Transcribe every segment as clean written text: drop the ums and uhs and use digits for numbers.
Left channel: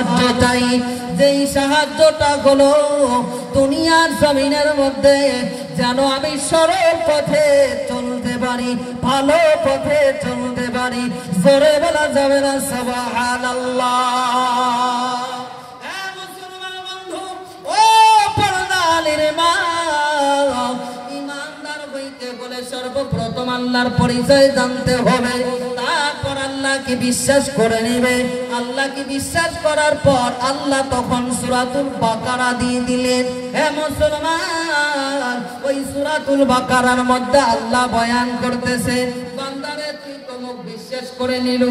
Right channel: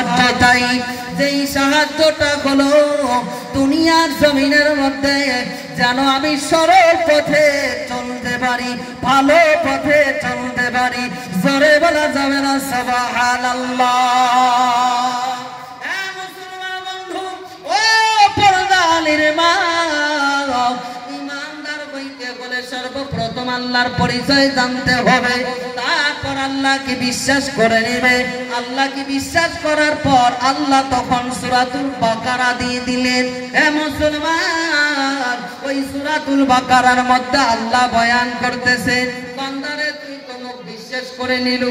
সাহায্যটাই, যেই সাহায্যটা হলো দুনিয়ার জমিনের মধ্যে যেন আমি সরল পথে চলতে পারি, ভালো পথে চলতে পারি। জোরে বলা যাবে না সুবহানাল্লাহ। সর্বপ্রথম আল্লাহর পরিচয় জানতে হবে, তারপর আল্লাহকে বিশ্বাস করে নেবে। আল্লাহকে বিশ্বাস করার পর আল্লাহ তখন সূরাতুল বাকারা দিয়ে দিলেন। হে মুসলমান, ওই সূরাতুল বাকারার মধ্যে আল্লাহ বয়ান করতেছে, বান্দারে তুই তো মুখ বিশ্বাস করে নিল,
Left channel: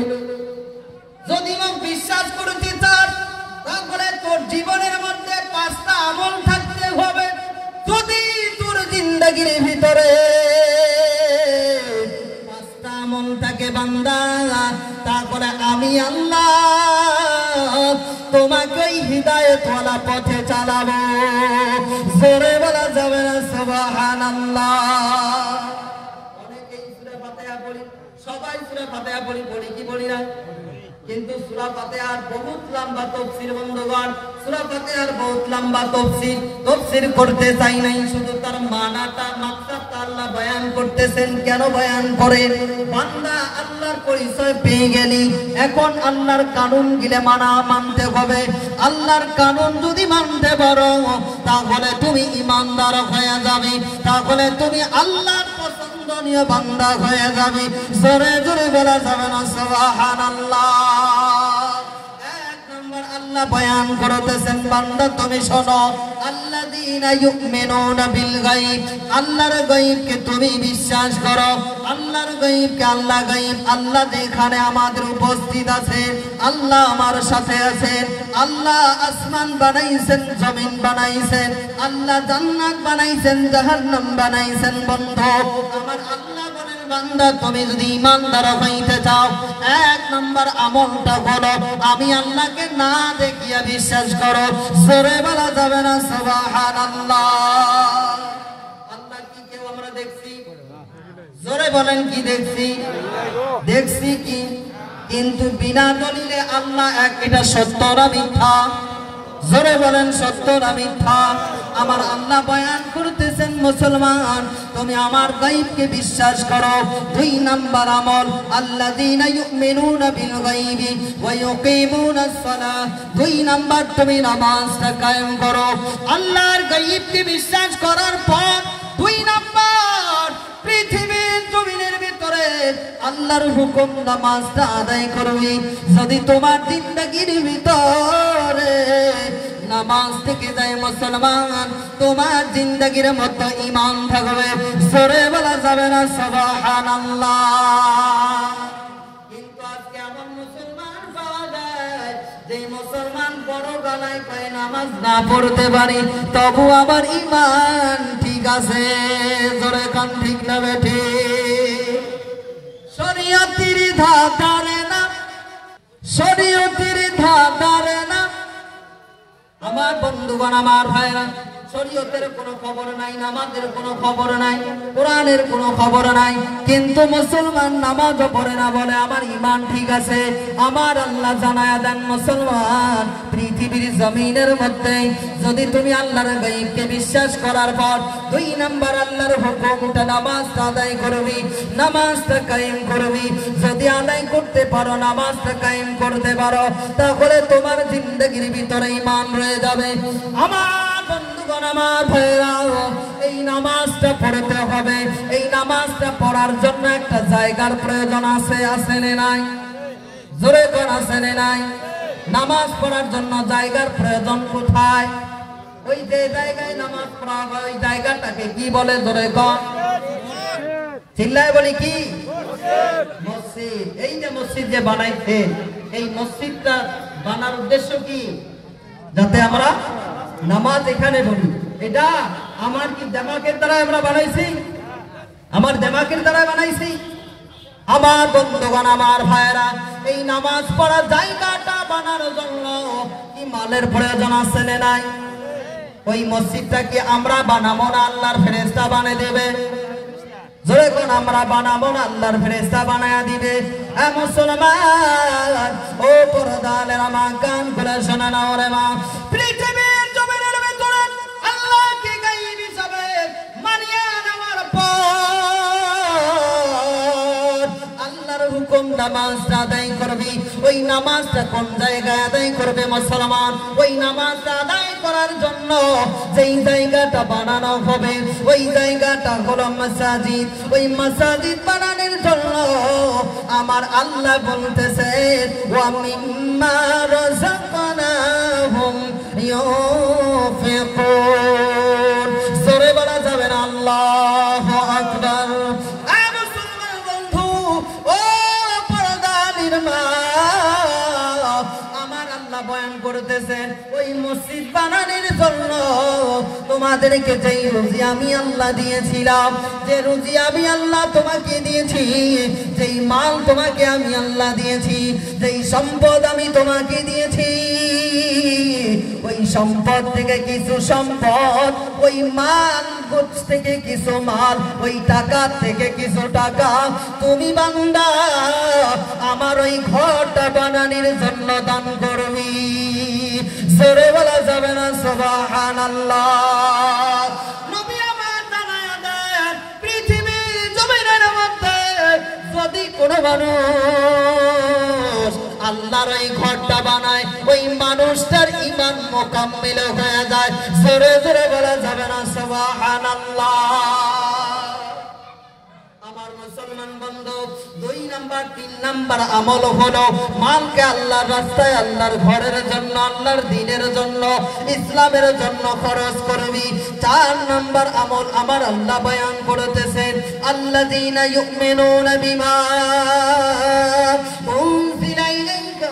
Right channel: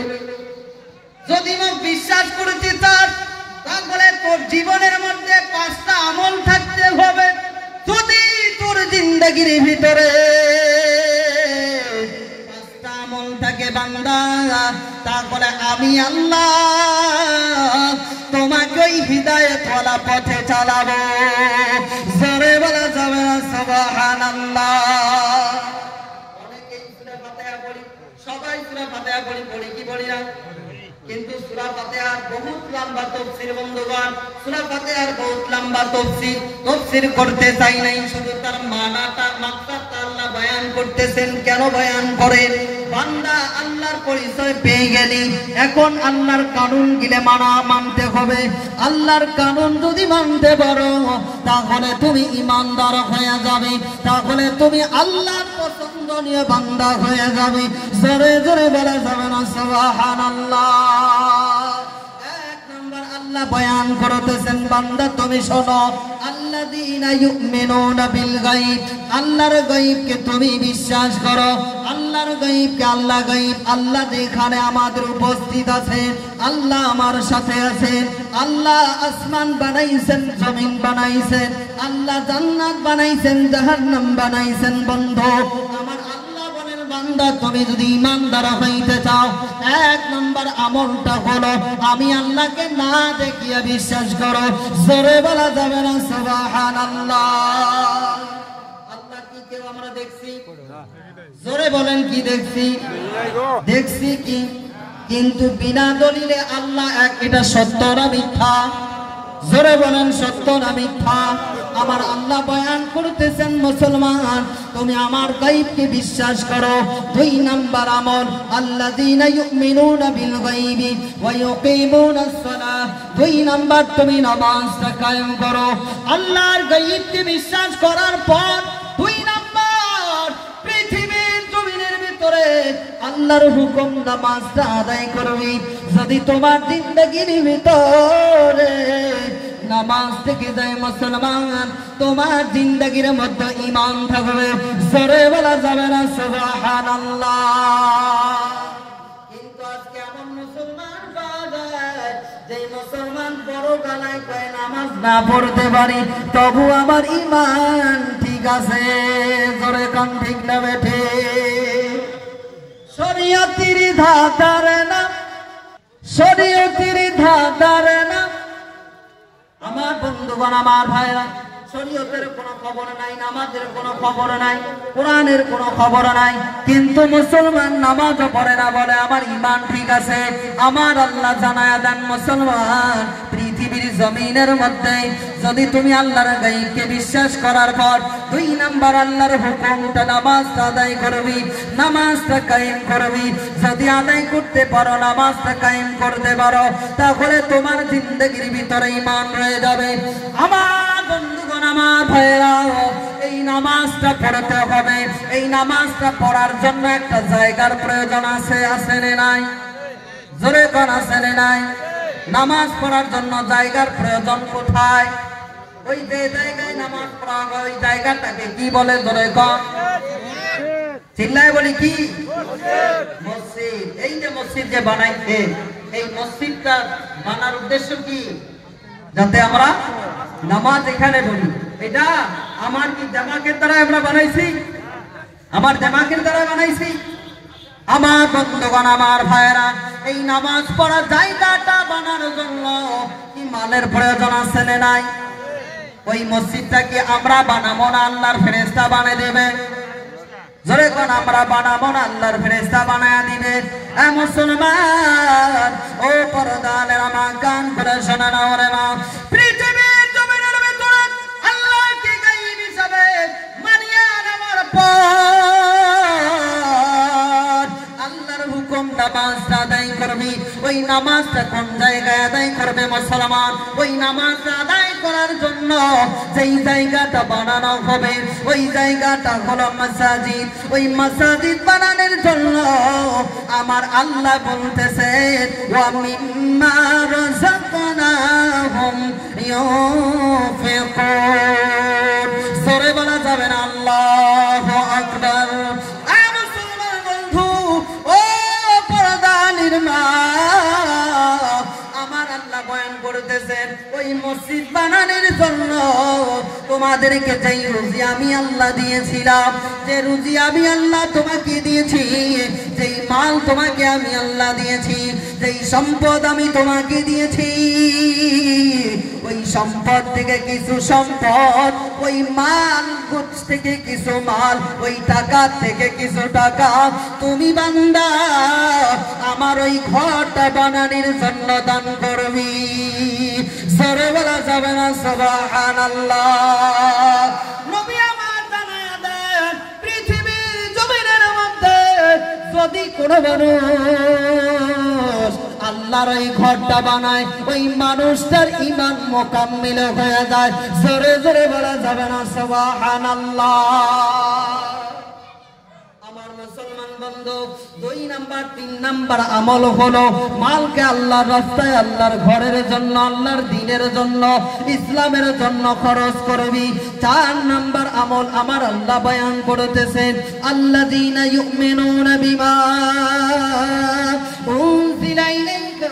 যদি মুখ বিশ্বাস করতে চাস তাহলে তোর জীবনের মধ্যে 5টা আমল থাকতে হবে। যদি তোর জিন্দেগির ভিতরে 5টা আমল থাকে বান্দা, তারপরে আমি আল্লাহ তোমাকে ওই হিদায়াতওয়ালা পথে চালাবো। জোরে বলা যাবে না সুবহানাল্লাহ। অনেকেই সূরা ফাতিহা পড়ি, সবাই সূরা ফাতিহা পড়ি কি পড়ি না, কিন্তু সূরা ফাতিহার বহুত লম্বা তাফসীর বন্ধুগণ, সূরা ফাতিহার বহুত লম্বা তাফসীর করতে চাই নাই, শুধু তার মানাটা মাকসাদটা আল্লাহ বয়ান করতেছেন। কেন বয়ান করেন? বান্দা আল্লাহর পরিচয় পেয়ে গেলি, এখন আল্লাহর কানুন গিলে মানতে হবে। আল্লাহর কানুন যদি মানতে পারো তাহলে তুমি ঈমানদার হয়ে যাবে, তাহলে তুমি আল্লাহর পছন্দনীয় বান্দা হয়ে যাবে। জোরে জোরে বলা যাবে না সুবহানাল্লাহ। আল্লাহ বয়ান করতেছেন, বান্দা তুমি শোনো, আল্লাযীনা ইউমিনুনা বিল গায়ব, আল্লাহর গায়বকে তুমি বিশ্বাস করো। আল্লাহর গায়বকে আল্লাহ গায়ব, আল্লাহ যেখানে আমাদের উপস্থিত আছেন, আল্লাহ আমার সাথে আছেন। আল্লাহ আসমান বানাইছেন, জমিন বানাইছেন, আল্লাহ জান্নাত বানাইছেন, জাহান্নাম বানাইছেন। বন্ধু আমার আল্লাহ বলেন, বান্দা তুমি যদি ঈমানদার হইতে চাও, 1 নম্বর আমলটা হলো আমি আল্লাহকে না দেখিয়া বিশ্বাস করো। জোরে বলা যাবে না সুবহানাল্লাহ। আল্লাহ কি কেউ আমরা দেখছি? জোরে বলেন কি দেখছি? দেখছি কি? কিন্তু বিনা দলিলে আল্লাহ এক, এটা সত্য না মিথ্যা? জোরে বলেন সত্য না মিথ্যা? আমার আল্লাহ বয়ান করতেছেন, মুসলমান তুমি আমার গায়বকে বিশ্বাস করো। 2 নাম্বার আমল, আল্লাযীনা ইউমিনুনা বিল গায়বি ওয়া ইউকিমুনাস সালাহ। 2 নাম্বার তুমি নামাজটা কায়েম করো। আল্লাহর গায়বকে বিশ্বাস করার পর 2 নাম্বার পৃথিবীর জমিনের ভিতরে আল্লাহর হুকুম নামাজটা আদায় করবি। যদি তোমার জিন্দেগির ভিতরে নামাজ থেকে যায় মুসলমান, তোমার জিন্দেগির মধ্যে ঈমান থাকবে। জোরে বলা যাবে না সুবহানাল্লাহ। কিন্তু আজকে আমার মুসলমান পাওয়া যায়, যে মুসলমান বড় গলায় কয় নামাজ না পড়তে পারি, তবু আমার ঈমান ঠিক আছে। জোরে কান ঠিক না বেঠে? শরীয়তের ধাঁধার না, শরীয়তের ধাঁধার না। আমার বন্ধুগণ, আমার ভাইরা, শরীয়তের কোনো খবর নাই, নামাজের কোনো খবর নাই, কোরআনের কোনো খবর নাই, কিন্তু মুসলমান নামাজও পড়ে না, বলে আমার ঈমান ঠিক আছে। আমার আল্লাহ জানায়া দেন, মুসলমান পৃথিবীর জমিনের মধ্যে যদি তুমি আল্লাহর গায়বকে বিশ্বাস করার পর 2 নাম্বার আল্লাহর হুকুমটা নামাজটা আদায় করবি, নামাজটা কায়েম করবি। যদি আদায় করতে পারো, নামাজটা কায়েম করতে পারো, তাহলে তোমার জিন্দেগির ভিতরে ঈমান রয়ে যাবে। আমার বন্ধুগণ, আমার ভাইরা, এই নামাজটা পড়তে হবে। এই নামাজটা পড়ার জন্য একটা জায়গার প্রয়োজন আছে, আছে না নাই? জোরে কোন আছে না নাই? নামাজ পড়ার জন্য জায়গার প্রয়োজন কোথায়? ওই যে জায়গায় নামাজ পড়া হয়, ওই জায়গাটাকে কি বলে? জোরে কোন? চিল্লায় বলি কি? মসজিদ। এই যে মসজিদ যে বানাইছে, এই মসজিদটা বানার উদ্দেশ্য কি? যাতে আমরা নামাজ এখানে ঢুকি। এটা আমার কি দিমাগের দ্বারা আমরা বানাইছি? আমার দিমাগের দ্বারা বানাইছি? আমার বন্ধুগণ, আমার ভাইরা, এই নামাজ পড়ার জায়গাটা বানানোর জন্য কি মালের প্রয়োজন আছে না নাই? ওই মসজিদটা কি আমরা বানাবো না, আল্লাহর ফেরেশতা বানিয়ে দেবে? জোরে কোন? আমরা বানাবো না, আল্লাহর ফেরেশতা বানিয়ে দিবে। এ মুসলমান, ও পর্দানের আমার কান করে শোনা নামাজটা কোন জায়গায় আদায় করবে মুসলমান? ওই নামাজ আদায় করার জন্য যেই জায়গাটা বানানো হবে ওই জায়গাটা হলো মাসাজিদ। ওই মাসাজিদ বানানোর জন্য আমার আল্লাহ বলতেছেন ওয়া মিম্মা রাযাকনাহুম ইউনফিকুন। জোরে বলা যাবে না আল্লাহু আকবার। মুসলমান বন্ধু, ও পর্দানির মা, আমার আল্লাহ বয়ান করতেছেন ওই মসজিদ বানানোর জন্য তোমাদেরকে যেই রুজি আমি আল্লাহ দিয়েছিলাম, যে রুজি আমি আল্লাহ তোমাকে দিয়েছি, যেই মাল তোমাকে আমি আল্লাহ দিয়েছি, যেই সম্পদ আমি তোমাকে দিয়েছি, ওই সম্পদ থেকে কিছু সম্পদ, ওই মাল থেকে কিছু মাল, ওই টাকা থেকে কিছু টাকা তুমি বান্দা আমার ওই ঘরটা বানানোর জন্য দান করবি। জোরে বলা যাবে না সুবহানাল্লাহ। নবী আমার জানায়া দেন পৃথিবীর জমিনের মধ্যে যদি কোনো মানুষ আল্লাহর ওই ঘরটা বানায় ওই মানুষটার ঈমান মুকাম্মিল হয়ে যায়। জোরে জোরে বলা যাবে না সুবহানাল্লাহ। আমার মুসলমান বন্ধু, 2 নাম্বার 3 নাম্বার আমল হলো মালকে আল্লাহর রাস্তায়, আল্লাহর ঘরের জন্য, আল্লাহর দ্বীনের জন্য, ইসলামের জন্য খরচ করবি। 4 নাম্বার আমল আমার আল্লাহ বয়ান করতেছেন আল্লাযীনা ইউমিনুনা বিমা উনজিলা ইলাইকা